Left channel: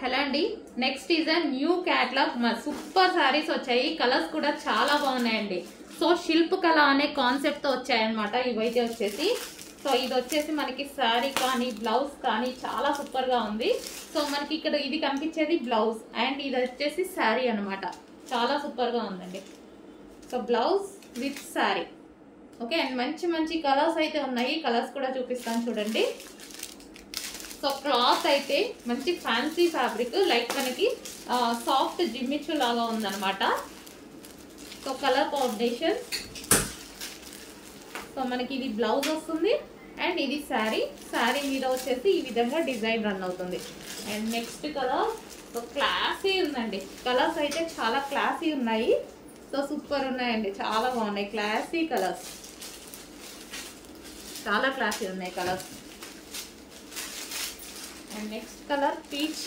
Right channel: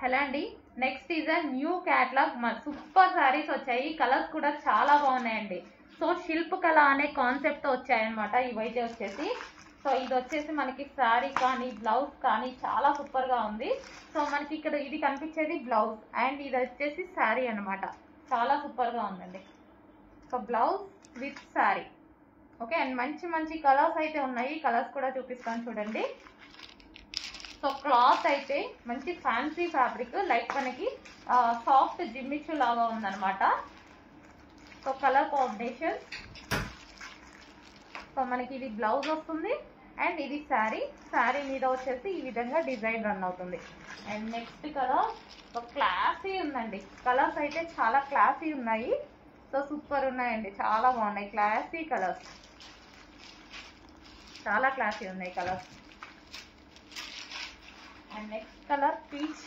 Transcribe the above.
Hello అండి, next is a new catalogue. Super saris వచ్చాయి. Colours కూడా చాలా బాగున్నాయండి. సో శిల్ప్ కళ అనే కాన్సెప్ట్తో వచ్చాయన్నమాట ఇవైతే వచ్చేసి. సో ఇది వచ్చేసి మనకి శారీ కానీ బ్లౌజ్ కానీ చాలా సూపర్గా ఉంది. సో మనకి ఇక్కడ ఇది కనిపించేది బ్లౌజ్ అండ్ ఇది వచ్చేసి శారీ అనమాట. చాలా సూపర్గా ఉందండి. So blouse with sari. Okay, and మంచి మంచి కలర్స్ అయితే ఉన్నాయి. కలర్స్ కూడా చూపిస్తాను చూడండి. సో క్లాత్ అయితే మంచి ఫ్యాన్సీ ఫ్యాబ్రిక్, లైక్ మనకి సాఫ్ట్ జిమ్మిచ్చు లాగా ఉందన్నమాట. So colour combination. సో మనకి ఇది బ్లౌజ్ వస్తుంది అండ్ ఇది శారీ. శారీ మీద వచ్చేసి ఈ విధంగా డిజైన్ రన్ అవుతుంది. And next colour so classy ఉందండి. కలర్స్ అయితే చాలా క్లాసీ ఉన్నాయి. సో సూపర్ ఉన్నాయండి, చాలా బాగున్నాయి. క్లాసీ కలర్స్, చాలా క్లాసీ ఉన్నాయి colours. And next colour peach